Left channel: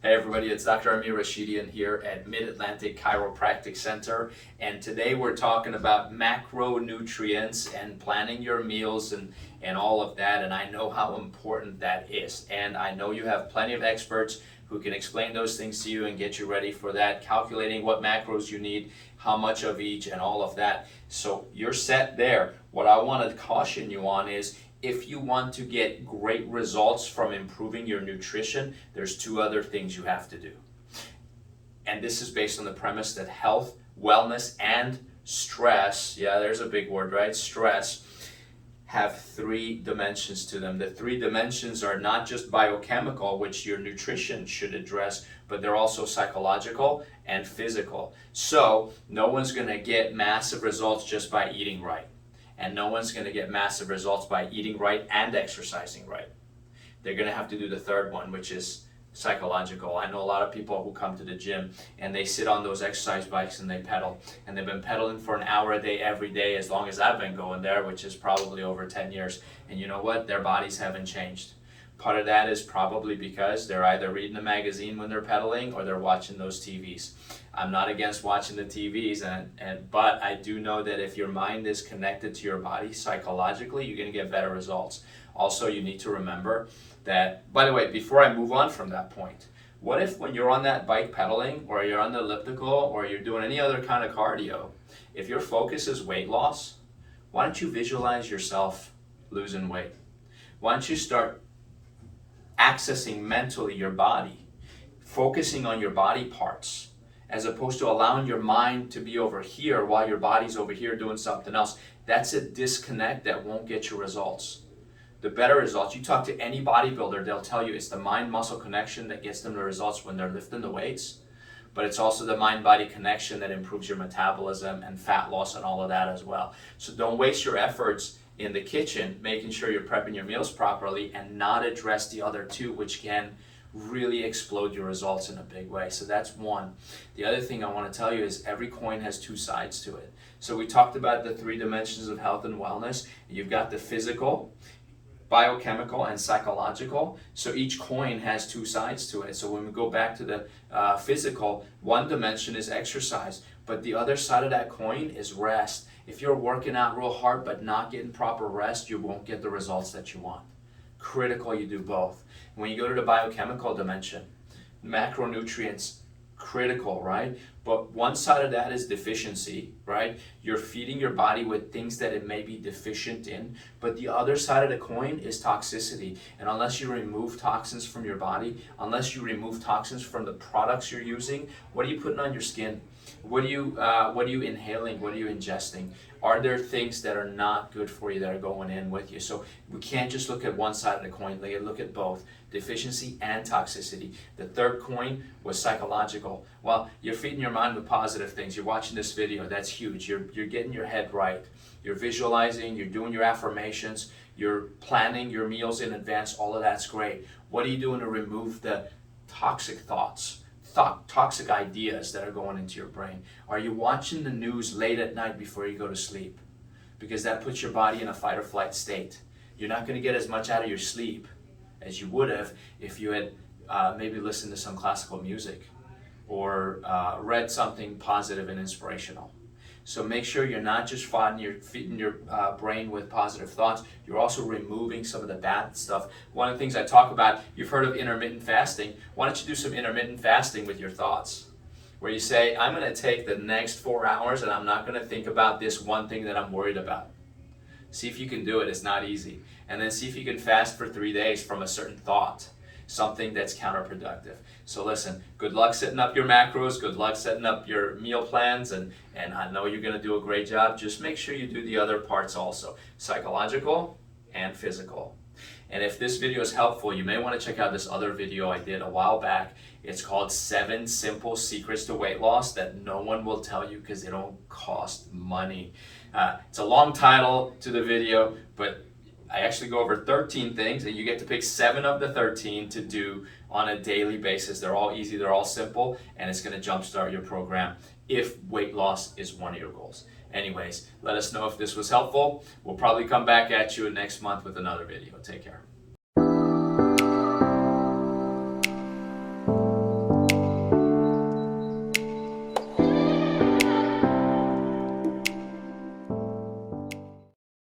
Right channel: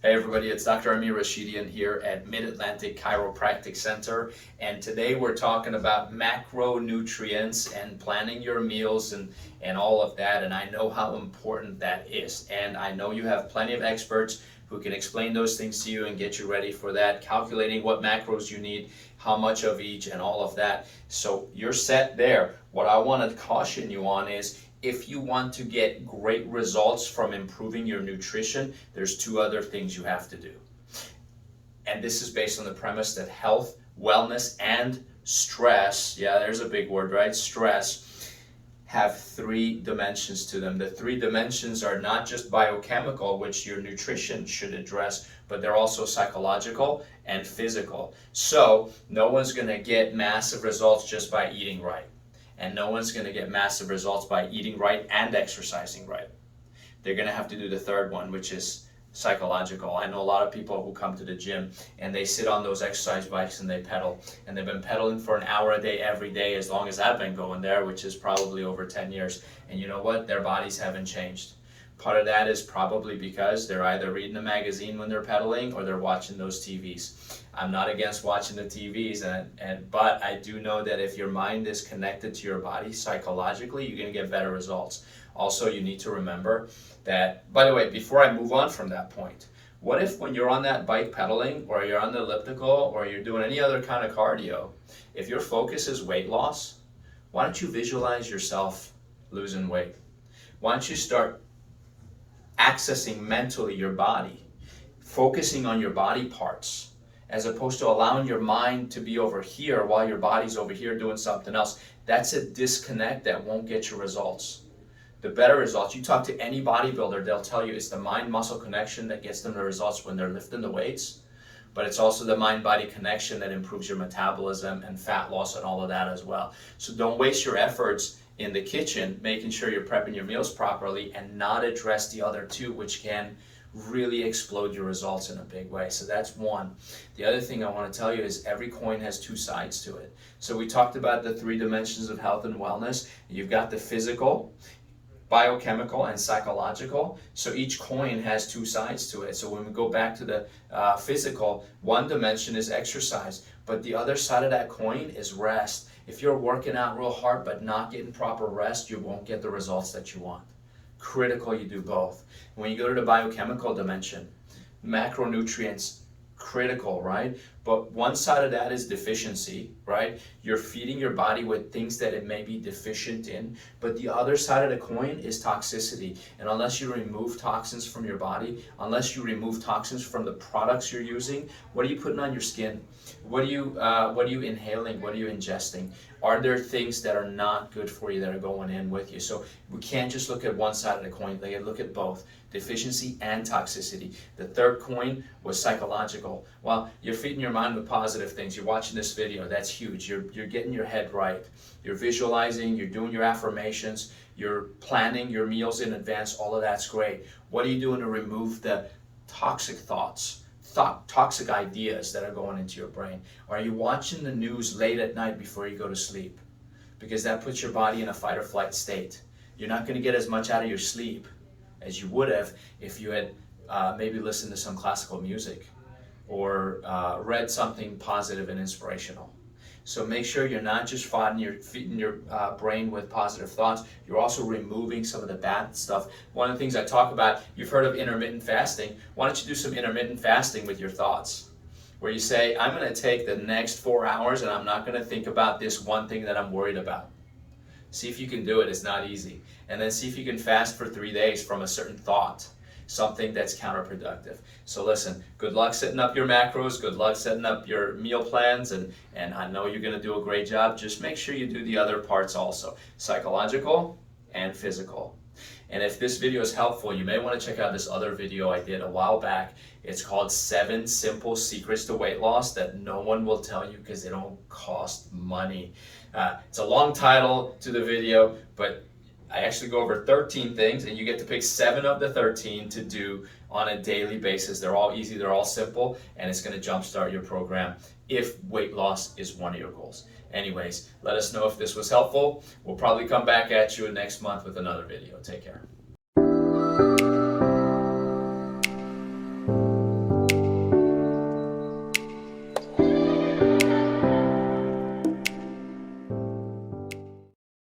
Hey everybody, it's Dr. Rashidian here at Mid-Atlantic Chiropractic Center, and today we're talking about macronutrients and planning your meals and all of that, and I know how important that is, and I know you have plenty of experts who can explain those things to you and get you ready for that, calculating what macros you need, how much of each, and all of that. So you're set there. What I want to caution you on is, if you want to get great results from improving your nutrition, there's two other things you have to do. And this is based on the premise that health, wellness, and stress, yeah, there's a big word, right? Stress, have three dimensions to them. The three dimensions are not just biochemical, which your nutrition should address, but they're also psychological and physical. So no one's gonna get massive results just by eating right. And no one's going to get massive results by eating right and exercising right. They're going to have to do the third one, which is psychological. I know a lot of people who come to the gym and they sit on those exercise bikes and they pedal. And they've been pedaling for an hour a day every day as long as I've been going there, which is probably over 10 years. And you know what? Their bodies haven't changed. Part of that is probably because they're either reading a magazine when they're pedaling or they're watching those TVs. I'm not against watching the TVs, but I do know that if your mind is connected to your body psychologically, you're going to get better results. Also, you need to remember that, by the way, before I move on from that point, what if when you're on that bike pedaling or you're on the elliptical or you're doing any other kind of cardio, if your focus is weight loss, why don't you visualize yourself losing weight? Why don't you start accessing mentally your body, focusing on your body parts, as opposed to allowing your mind to be over here while your body's over here doing something else. That's a disconnect that won't get you results. The better results, you talk to any bodybuilder, they'll tell you it's the mind-muscle connection that gets them the results when they're lifting the weights, but it's also the mind-body connection that improves your metabolism and fat loss and all of that as well. So don't waste your efforts in the kitchen making sure you're prepping your meals properly and not address the other two, which can really explode your results in a big way. So that's one. The other thing I want to tell you is every coin has two sides to it. So we talked about the three dimensions of health and wellness. You've got the physical, biochemical, and psychological. So each coin has two sides to it. So when we go back to the physical, one dimension is exercise, but the other side of that coin is rest. If you're working out real hard but not getting proper rest, you won't get the results that you want. Critical you do both. When you go to the biochemical dimension, macronutrients, critical, right? But one side of that is deficiency, right? You're feeding your body with things that it may be deficient in, but the other side of the coin is toxicity. And unless you remove toxins from your body, unless you remove toxins from the products you're using, what are you putting on your skin? What are you inhaling? What are you ingesting? Are there things that are not good for you that are going in with you? So we can't just look at one side of the coin. Like, look at both, deficiency and toxicity. The third coin was psychological. Well, you're feeding your mind with positive things. You're watching this video. That's huge. You're getting your head right. You're visualizing. You're doing your affirmations. You're planning your meals in advance. All of that's great. What are you doing to remove the toxic thoughts? Toxic ideas that are going into your brain? Are you watching the news late at night before you go to sleep? Because that puts your body in a fight or flight state. You're not going to get as much out of your sleep as you would have if you had maybe listened to some classical music or read something positive and inspirational. So make sure you're not just feeding your brain with positive thoughts, you're also removing some of the bad stuff. One of the things I talk about, you've heard of intermittent fasting. Why don't you do some intermittent fasting with your thoughts? Where you say, I'm going to take the next 4 hours and I'm not going to think about this one thing that I'm worried about. See if you can do it. It's not easy. And then see if you can fast for 3 days from a certain thought, something that's counterproductive. So listen, good luck setting up your macros, good luck setting up your meal plans, and I know you're going to do a great job. Just make sure you do the other parts also, psychological and physical. And if this video is helpful, you may want to check out this other video I did a while back. It's called 7 Simple Secrets to Weight Loss That No One Will Tell You Because They Don't Cost Money. It's a long title to the video, but I actually go over 13 things, and you get to pick 7 of the 13 to do on a daily basis. They're all easy, they're all simple, and it's going to jumpstart your program if weight loss is one of your goals. Anyways, let us know if this was helpful. We'll probably come back at you next month with another video. Take care.